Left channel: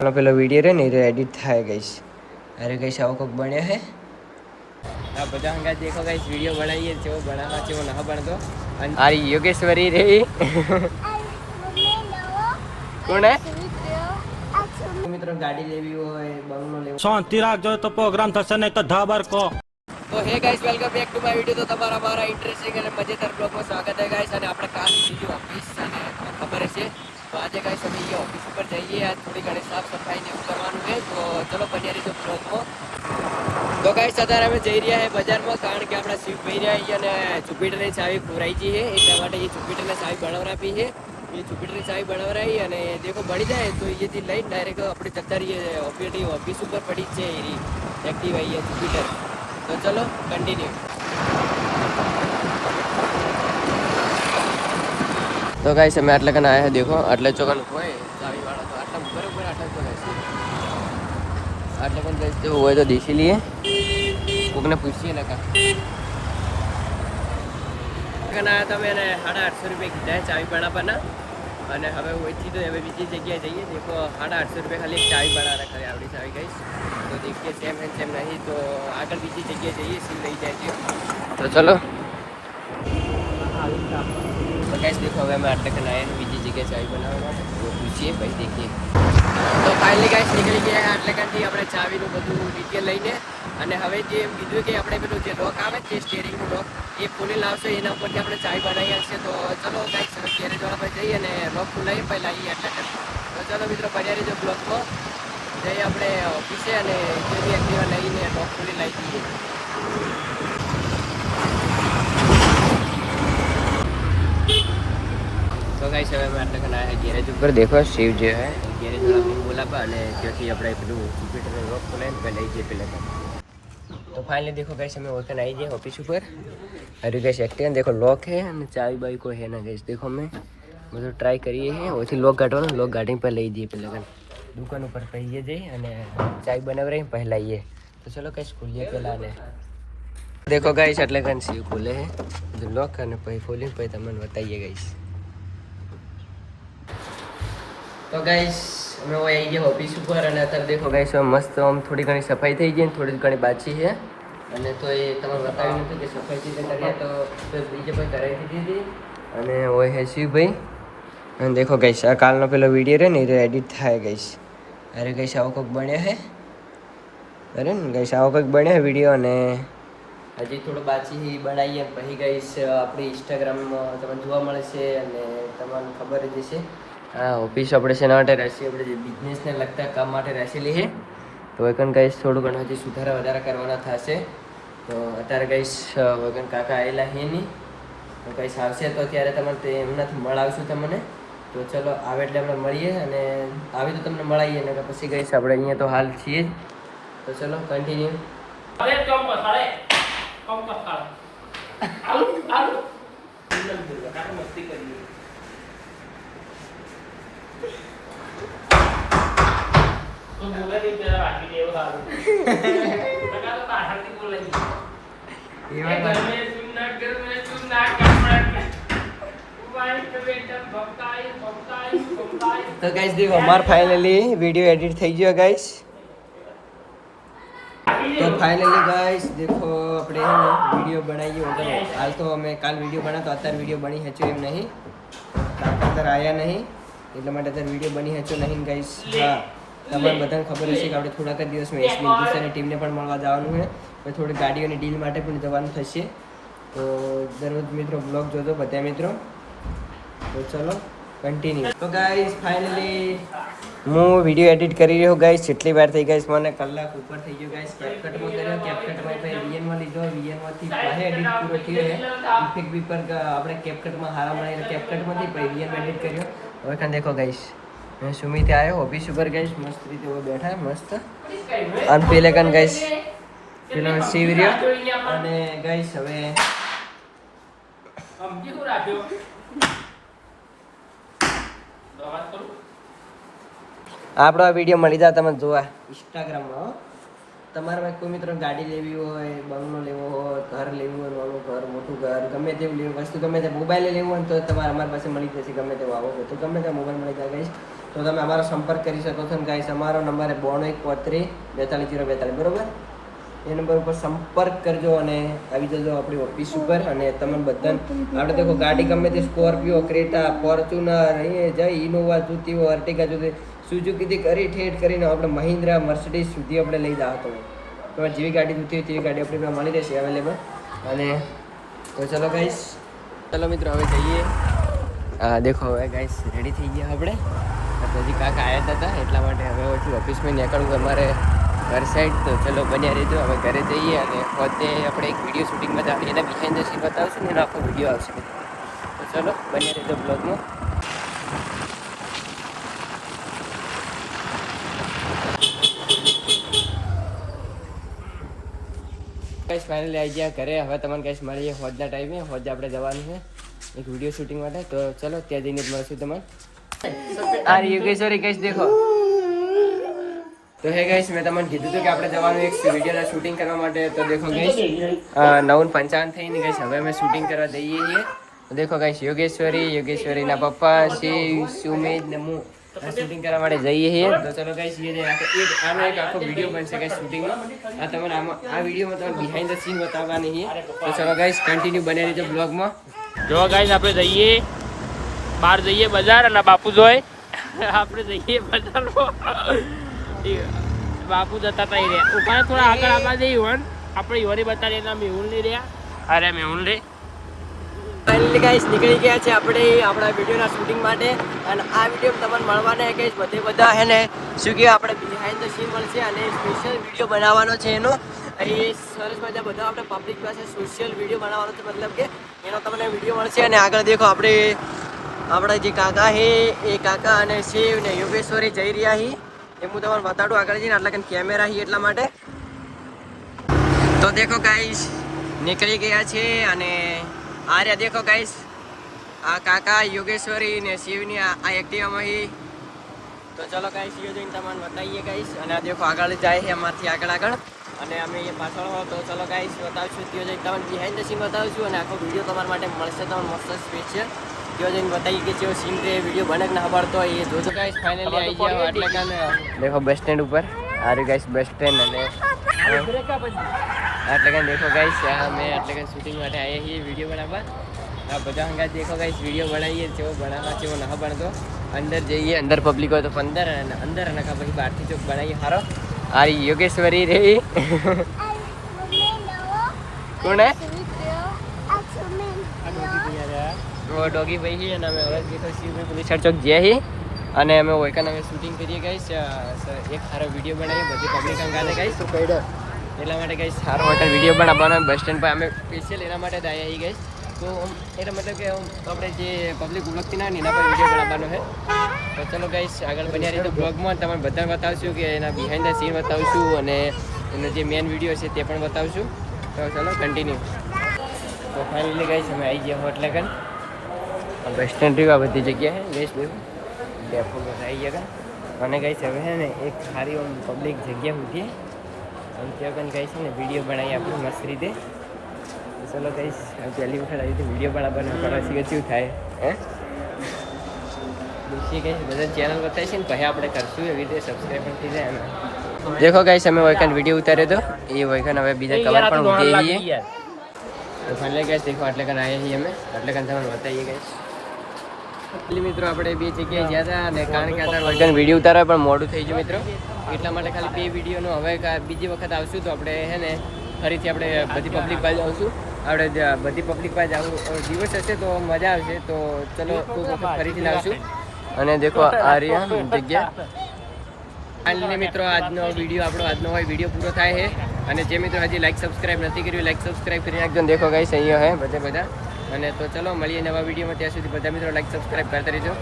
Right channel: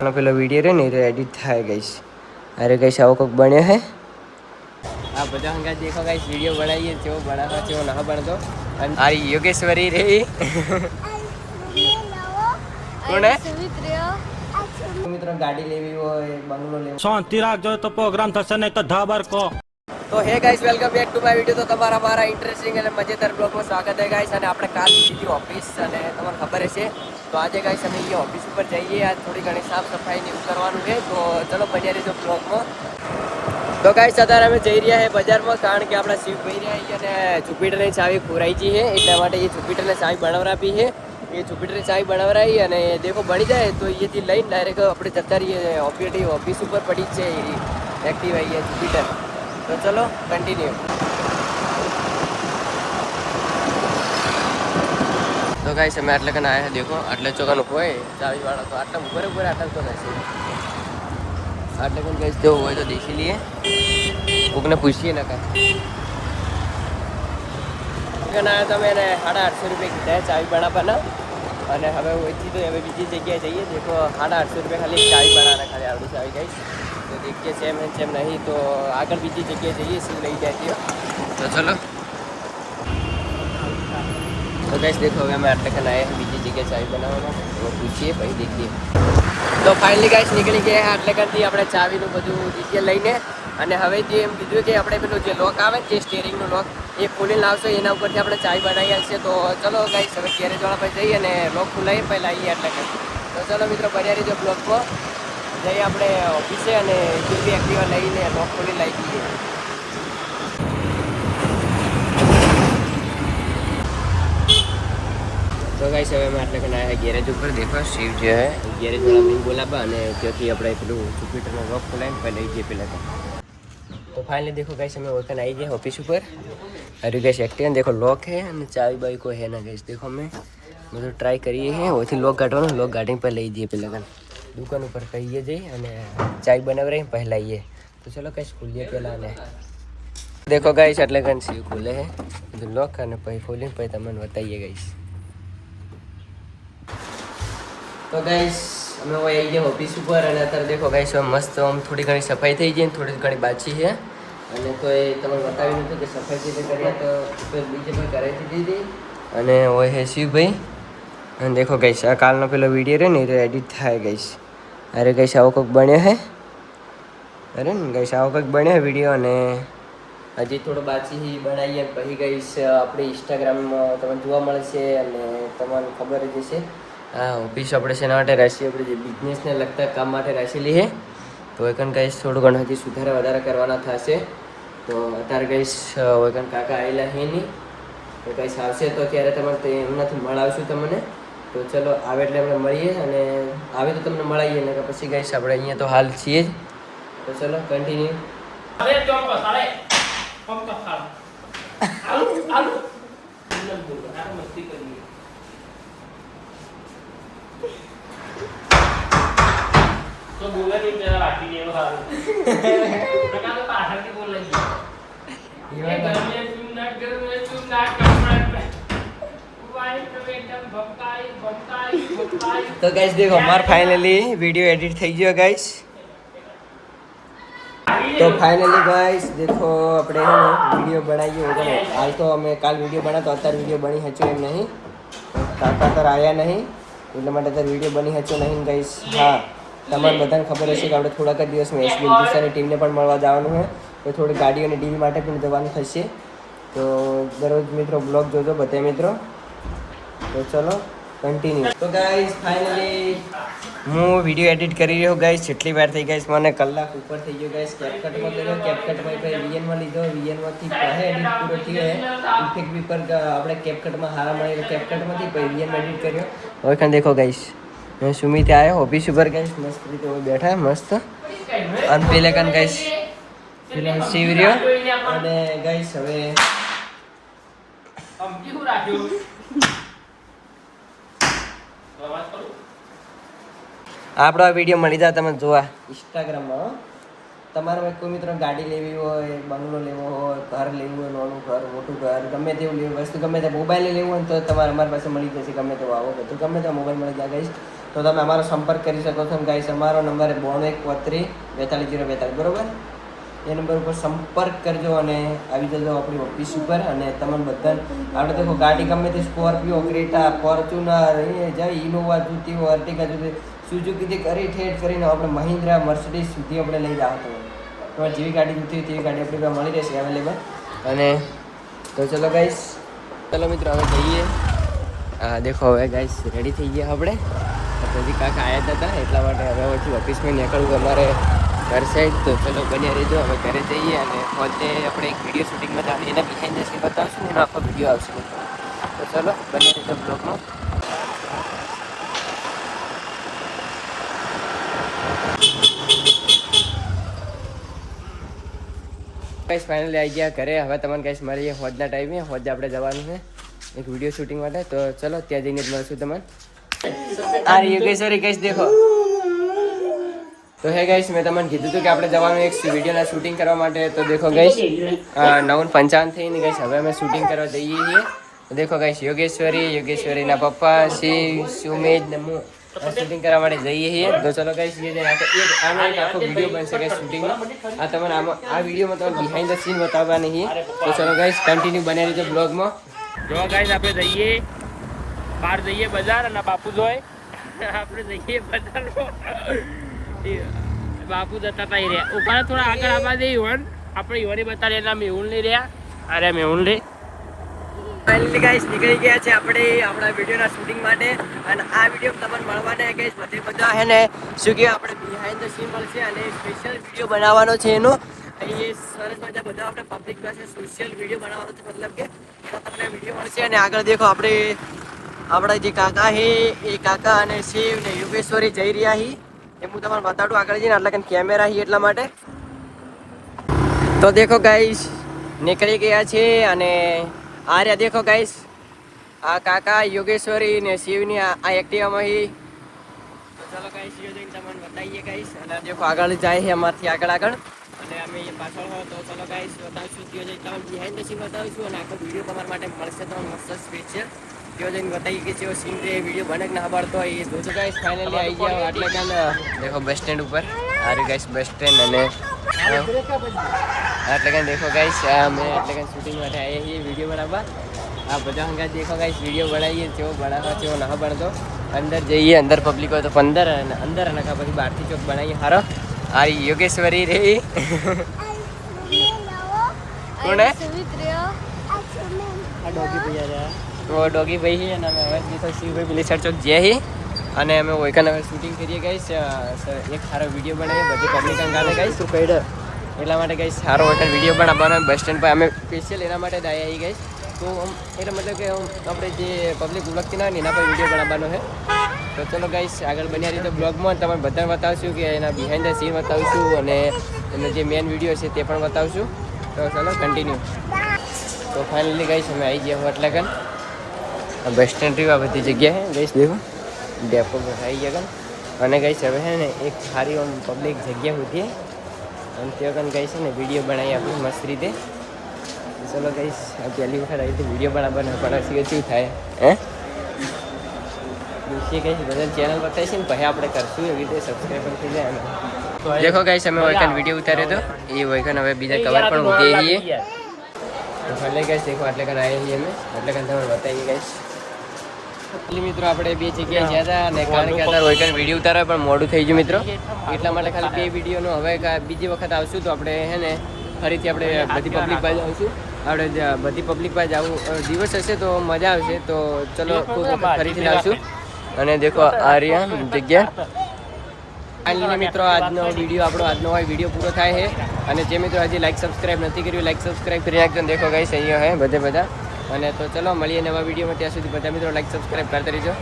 પેલો વિડીયો રે ને એડિટ થાય ગઈશ. અરે ગઈશ આવો કોક બન્યો હે. આ બધા હંગા દેખો ગાઈસ વિડીયો બનાવીએ કેવો બનાવવા કેવો ના બનતો. આ યોગેશ્વરી રે કોણ હે મિત્રો ગાડી લેવી હોય બંગલો લેવો શાંતિ રાખજો તો પ્રોગ્રામ થશે નહીં તો ધાબર કો. તો હે guys welcome back to my video. તો તમારા મારા ઇન્ટરેસ્ટિંગ અને મજેદાર બ્લોગમાં સ્વાગત છે ગાઈસ. અને આપણે કાલ સીધી ઓફિસ અને તમને ખબર હશે તો આજે ગાઈસ અમે એ ઓફિસ ઉપર જઈએ. આજ થોડી ઘણી સાફ સફાઈ ને એવું કરવાનું છે. તો ચલો બન્યા રહીજો બ્લોગમાં. તો ગાઈસ અત્યારે અમે જઈ રહ્યા છે બજારમાં, કારણ કે આપણા શિવભાઈ રહ્યા અને જુપિટરની ચાવી ખોરાઈ છે એટલા માટે એ જુપિટરને ચાવી બનાવરાપી છે. એ જુપિટરની ચાવી બનાવરાઈ અને દેખો બની જાય તો અહીંયાથી લઈને ડાયરેક્ટ આપણે જતા રહીએ ઓફિસ ઉપર પડી જ છે એ એક્ટિવા અહીંયા જુપિટર. તો ચલો કન્ટિન્યુ. તો ગાઈસ અમે આટલે કને આવ્યા દેખો આટલે ચોકાનું હોય ચાવી વાળા તો આટલા બરાબર આટલા તો રહેશે. આટલે કને ગાઈસ જેવું હોય તો દેખી લઈએ, કોકને પૂછીએ ને કા ના તમે એને 850 રૂપિયા કીધા ચાવી બનાવવાના. અને હવે ઓછી તો હવે બીજી જગ્યાએ જઈએ. દેખો 850 રૂપિયા ખાલી ચાવી બનાવવાના ખાલી આવડી ચાવી ગાઈસ. તો દેખીએ સેમ હે સેમ નહીં તો આગળ બીજી જગ્યાએ જઈએ શું લઈ જાય. તો ચલો તો ગાઈસ દેખો હવે અમે આટલે કને આવ્યા બીજી જગ્યાએ ચાવી બનાવવા માટે. તો પૂછીએ પછી દેખીએ. તો ફાઇનલી ગાઈસ નીકળી ગયા આટલે કનથી આપણે ચાવીનું બધું ડિટેલ લઈને. અને હવે જે એમ કીધું કે આપણે પેલું જે લોક આવે ને જે સ્ટેરિંગનું લોક એ ખોલી લાવશો એના ઉપરથી આપણે ચાવી બનાવી આવશે. તો ચલો ગાઈસ હવે ગેરેજ વાળા પર જઈએ અને લોક ખોલાવીએ પહેલાં આવીએ આટલા કન. તો ચલો મિત્રો બન્યા રહીજો બ્લોકમાં. જઈએ આપણે ઓફિસે અને જે બી એક્ટિવા લઈને લોક ખોલી લાવી દઈએ. તો ગાઈસ હવે અમે આટલે કને આવ્યા ગેરેજ ઉપર. દેખો શિવ જે હે ગેરેજ વાળા બોલાવા અને ત્યાંથી આપણે પેલું જુપિટરને લોક ખોલાવીને પહેલાં લઈ જઈએ પહેલાં તો. તો ફાઇનલી देखो गाइस हमें वर्कन आई गए ऑफिस ऊपर. अरे गाइस एक्टिव देखो लॉक है અને ચાવી બાઈ કોઈ है ना गाइस. देखो मैं मतलब ट्राई કરીએ हैं ઓથી લોક કાઢવાનો. લોક ગાડી પર લઈ જઈએ પેલા દુકાન ઉપર કહીએ જઈ અને ચાવી બનાવરાઈ પહેલા આવીએ. તો ચલો ગાइस ખોલીએ પહેલા ને देखो गाइस એટલે કન સીવ ખોલે હે લોક અને પછી ખોલીને પછી તમને બતાવીએ गाइस. તો ગાइस અમે આવી ગયા ઓફિસ ઉપર અને અત્યારે દેખો ગાઈસ મસ્ત આમ થોડી ઘણી સફાઈ થઈ ગઈ, થોડી ઘણી બાકી છે. અને તો એ તમને બતાવી નથી કે સફાઈ રીતે કર્યા તો બીજે પણ કરાવી દીધી. અને હોય હે શિવભાઈ. અને દેખો ગાઈસ આ કાલનો પેલો વિડીયો રહે ને એ એડિટ થાય ગાઈસ. અરે ગાઈસ આવો કોઈક બન્યો હે. અરે ને ગાઈસ આવો કોઈક બન્યો વિડીયો. અને હજી થોડો બાકી બનાવીએ પછી ગાઈસ આપણી ઇન્સ્ટાગ્રામમાં તમને જોવા મળશે અને તમને ખબર જ હશે. હા ઓફિસ આપણે શેના માટે રાખીએ, આપણે જે બિઝનેસને લગતા કામ માટે રાખેલી છે. તો એકન ગાઈસ થોડું ઘણું હજી સુધારા વધારા કરવાના થશે. તો અત્યારે ગાઈસ વગન કાકા આવેલા છે નહીં. તો ગાઈસ આવશે તો ત્યારે તમારે તે એમનાથી મળાવશું તમને. તો ચલો આવે એટલે આપણે મળીએ અને આવે તો તમને મળાવીએ ને પછી ગાઈસ આપણે અહીંયા તો હાલ છીએ જ. તો ચલો કન્ટિન્યુ. તો બોલે કે પેલા રાખી દેવો સારું તો કાલે પાછળથી બોલે એ ઘરમે તું ના ઘરમે તું ના કપડા વાણી તો બેટા ભક્તાઈ. તો ગાઈસ દેખો અમાર ફાઇનલી વિડિયો એડિટ થઈ ગયો ગાઈસ. તો ફાઇનલી ગાઈસ દેખો આપણે હે ને વિડિયો બનાવીએ વગર હાલ તો અમે કાલ વિડિયો બનાવતો અત્યારે વિડિયો બની હચ્યો એમ નહીં. કાકા તર આયા નહીં એટલા માટે અત્યારે વિડિયો બની હચ્યો નહીં ગાઈસ. હા તમારે બધાને ખબર હશે કે આપણે થોડાક જ દિવસમાં એસબી હિન્દુસ્તાની ટીમને પણ મળવા જવાનું છે. તો થોડી ગાડીઓની ડીલ માટે પણ જવાનું થશે. તો દરરોજ મિત્રો બ્લોગ જોજો બધા મિત્રો. તો ચલો કન્ટિન્યુ. તો ગાઈસ ફાઇનલી હું વિડીયો એડિટ કરી રહ્યો ગાઈસ. જેટલી વાર થઈ ગાઈસ મને કલાક ઉપર થઈ ગયો ગાઈસ. કેપકટમાં કર્યો, કેપકટમાં પછી વીએનમાં લીધો, વીએનમાંથી પાસે એડિટ પૂરો થયો છે. ઇફેક્ટ પેપર આપણે કેપકટમાં હારા મળે કેપકટમાંથી પછી વીએનમાં એડિટ કર્યો. હવે કાં દેખો ગાઈસ સુમિત આવ્યો ઓફિસ ઉપર ગાઈસ મસ્ત રીતે બેઠા મસ્ત. અને પેલે કાન ગાઈસ પેલો શિવ રહ્યો. અને ગાઈસ હવે આપણો આ વિડીયો મળી જાય તમે જોવા ઇન્સ્ટાગ્રામમાં. તમારે કોઈ મિત્રો ગાડી લેવી હોય, બંગલો લેવો હોય, ઘર લેવું હોય, નાનું ઘર મોટું ઘર ગમે તેવું લેવું વસ્તુ ગમે તે મોબાઈલ લેવું હોય તો તમારે અમારી પાસે મળી જશે. ગમે તેવું આવો તો ગમે તે મોબાઈલ મળી જાય ગાઈસ. તો તમે અમારો સંપર્ક કરી શકો છો. ગાઈસ અમારો નંબર 9213424042, બરોબર. એ નંબર ઉપર સંપર્ક કરજો અને આવી જજો આપણી ઓફિસ ઉપર. અને તમે બધાને આપણે દેખો ગાડી ગમે તે સ્કોર્પિયો, ક્રેટા, ફોર્ચ્યુનર, એ જય ઇનોવા જોતી હોય, અર્ટિગા જોતી, સુઝુકીથી કરી ઠેઠ કરીને આપણે મહિન્દ્રા, મર્સિડીઝ સુધી આપણે લઈ જાઓ. તમારે જેવી ગાડી જોતી હોય તેવી ગાડી આપણી પાસે મળી રહેશે અવેલેબલ. અને તો ચલો ગાઈસ, ચલો મિત્રો હવે જઈએ. દેખો હવે ગાઈસ રેડી થઈ ગયા આપણે. હજી કાકા આવ્યા હતા એટલા માટે હવે પછી ઓફિસમાં નીકળવું અમારે ઘર સાઈડ. તો ચલો બન્યા રહેજો. હવે ઘરે જઈએ અને પોતે આપણે એક વિડીયો શૂટિંગમાં જાણીએ, એના બિહાઇન્ડ ધ સીન બતાવશું ને એનો આખો વિડીયો આવશે. તો ચલો બન્યા રહેજો બ્લોગમાં. ગાઈસ ફાઇનલી આવી ગયા ઘરે. હવે તમને ગાઈસ મળીએ હોજના ટાઈમે. હોજ આપણે જવાનું છે એક વિડીયો શૂટિંગ માટે. તો ચલો ત્યાં જઈને જ મળશું તમને. આ યોગેશ્વરી ગાઈસ દેખો. તો હે ગાઈસ મેં તમને કીધું હતું કે આપણે જવાનું એક વિડીયોના શૂટિંગ કરવા માટે. તો દેખો ગાઈસ 9:55 થઈને ગાઈસ હવે અમે શૂટિંગ કરવા જઈએ છીએ. તો દેખો ગાઈસ યોગેશ્વરીના પપ્પા શિવ, સુમિત ને હું શૂટિંગ કરવા માટે જઈએ છીએ. તો ચલો ગાઈસ આનો એક આખો વિડીયો બનશે ગાઈસ શૂટિંગનો. આ તમને આ વિડીયોમાં તમને બિહાઇન્ડ ધ સીન બતાવવાની છે. તો ચલો ગાઈસ કન્ટિન્યુ બન્યા રહેજો બ્લોગમાં. જો ગાઈસ આપણે જઈએ બહાર જઈએ બજાર અને બાપુ જોઈ આપણે જઈએ બજારમાં. બાપુ જતા હતા રહ્યા ઉપર થોડા આગળ આવવા દે યુવાન. આપણે યુવાની બતાવીએ એના મેહુલ નહીં રહ્યા. અરે મેહુલ નહીં. ફાઇનલી ગાઈસ નીકળી ગયા છે આપણે આપણા વિડીયોના શૂટિંગ માટે. અને આ વિડીયો તમને મળવાના ગાઈસ બધા હે ને શું કે આપણે બિહાઇન્ડ ધ સીન મળશે અને સ્પેશિયલ વિડીયો બનાવવાનો છે એનો. એ સરસ મજા બધા આપણે પબ્લિક પાસે સોશિયલ વિડીયો બનાવવાનો છે, મતલબ કે એનો તમને વિડીયો મળશે. અને આગળ દેખો આપણા જે કાકા છે એ કાકા અને શિવ ને યોગેશ્વરી જઈ રહ્યા છે. એ હું તમને બતાડું આગળ જઈને. એટલે કે કેમેરા છે એટલા માટે. તો દેખો ગાઈસ નીકળી ગયા છે. અને આ રહ્યા દેખો ગાઈસ આ કાકા યોગેશ્વરી ને શિવની આ એક્ટિવામાં છે. તો ચલો ગાઈસ શિવ જઈને તમને બતાવીએ ગાઈસ. અને આ દેખો આગળ જાય છે અમારથી આગળ અને અમે એ પાછળ હો. તો ચલો ગાઈસ બતાવશું ત્યાં જઈને તમને બિહાઇન્ડ ધ સીન બતાવશું. અને આખો વિડીયો તમારા માટે મળશે તમને મસ્ત સ્પેશિયલ. ત્યાં જઈને બતાવીએ કે જેવો સીન તે વિડીયો બને કે ના પડતો હોય એ જોજો ગાઈસ. ફાઇનલી આવી જાઓ એટલે કાન દેખો બસ સ્ટેન્ડ ઉપર. આ રહ્યું ગાઈસ બસ સ્ટેન્ડ. અને એટલે કાન દેખો ગાઈસ અમે એટલે કાન શૂટિંગ માટે આવ્યા છીએ વિડીયો બનાવવા. આ બધા હંગા દેખો ગાઈસ વિડીયો બનાવીએ કેવો બનાવવા કેવો ના બનતો. અંદર જઈએ, અંદર પબ્લિક હોય તો અંદર અને અંદર અને પછી બહારથી ચોક બનાવીએ સારો. આ યોગેશ્વરી રે કોણ હે? આ ડોગી ભૈયા ડોગી ભાઈ છે. અને અમે હવે તો શિવભાઈ પેલી સાઈડ ચોક જઈએ છીએ. અને અમે વોઈકન હવે શૂટિંગ કરીએ ગાઈસ. એક સારો વિડીયો બનાવીએ બધી પબ્લિક અંગાતે ગાઈસ. એટલા માટે ગાઈસ સારો વોઈકન વિડીયો બનાવવાનો બસ સ્ટેન્ડ પર અમે સ્પેશિયલ એના માટે જ આવ્યા છીએ ગાઈસ. તો એટલે મતલબ કે આપણે જે પબ્લિક ઉલગતી ના હોય એના પર વિડીયો બનાવવાનો છે. તો ચલો ગાઈસ આગળ બન્યા રહીજો બ્લોગમાં. તમે બધાને બતાવશું કે એના બિહાઇન્ડ ધ સીન બતાવશું અને એનો જે મેન વિડીયો છે તે પણ બતાવશું. તો ચલો કન્ટિન્યુ. તો ફાઇનલી ગાઈસ અમે આવી ગયા હોટલ કન બસ સ્ટેન્ડ રહ્યું. આ બધી જગ્યાએ ગાઈસ દેખો ડેપો પર આવી ગયા કન. અને ગાઈસ હવે છે ને એક સારી આમ પબ્લિક જગ્યા મૂકીએ અને ત્યાં કન ગાઈસ છે ને વિડીયો બનાવીએ આપણે મસ્ત રીતે. તો ચલો ગાઈસ પહેલી વખત આવી રીતે વિડીયો બનાવવાના પણ શીખે શું થાય હે દૂસરી ગાઈસ બધા ચેનલ બતાવી છે ને પછી આપણે કરશું એવી રીતે સબસ્ક્રાઈબ પણ થઈ જાય. અમે દેખો ગાઈસ અમે વોઈકન વિડીયો ઉતાર્યો હતો એ વોઈકન હવે બીજા કવર પણ ઉતરીએ છીએ. તો ફાઇનલી ગાઈસ દેખો એટલે કન આવ્યા છીએ અમે. એટલે કન તમને બતાવીએ ગાઈસ. એટલે મિત્રો આપણે બે જગ્યાએ ગયા હતા અને કારણ કે અત્યારે વોઈકન વિડીયો ઉતારવા પણ મોડું થઈ ગયું મિત્રો. એટલા માટે ખાલી બે વિડીયોનો હવે બીજી વખત આવશું તો આપણે હે ને ફરીથી આપણે બધી પબ્લિક પાસે આવશું. આપણે બધી પબ્લિક પાસે આવું દિવસ હશે તો મજા આવશે. તો ચલો ખૂબ વખત ફરીથી લાવશું. અને દેખો આ રહ્યા જગ્યા. ફાઇનલી મિત્રો આજનો વિડીયો વિડીયો પૂરો થાય છે. અને જે મિત્રો હજી લાઈક સબસ્ક્રાઈબ નથી કર્યું લાઈક સબસ્ક્રાઈબ કરી નાખજો. દેખો ગાઈસ અહીંયા હે બધા. અને તો ચલો મળીએ નવા વિડીયોમાં. ત્યાં સુધી બધા મિત્રો લાઈક સબસ્ક્રાઈબ કરતા રહેજો.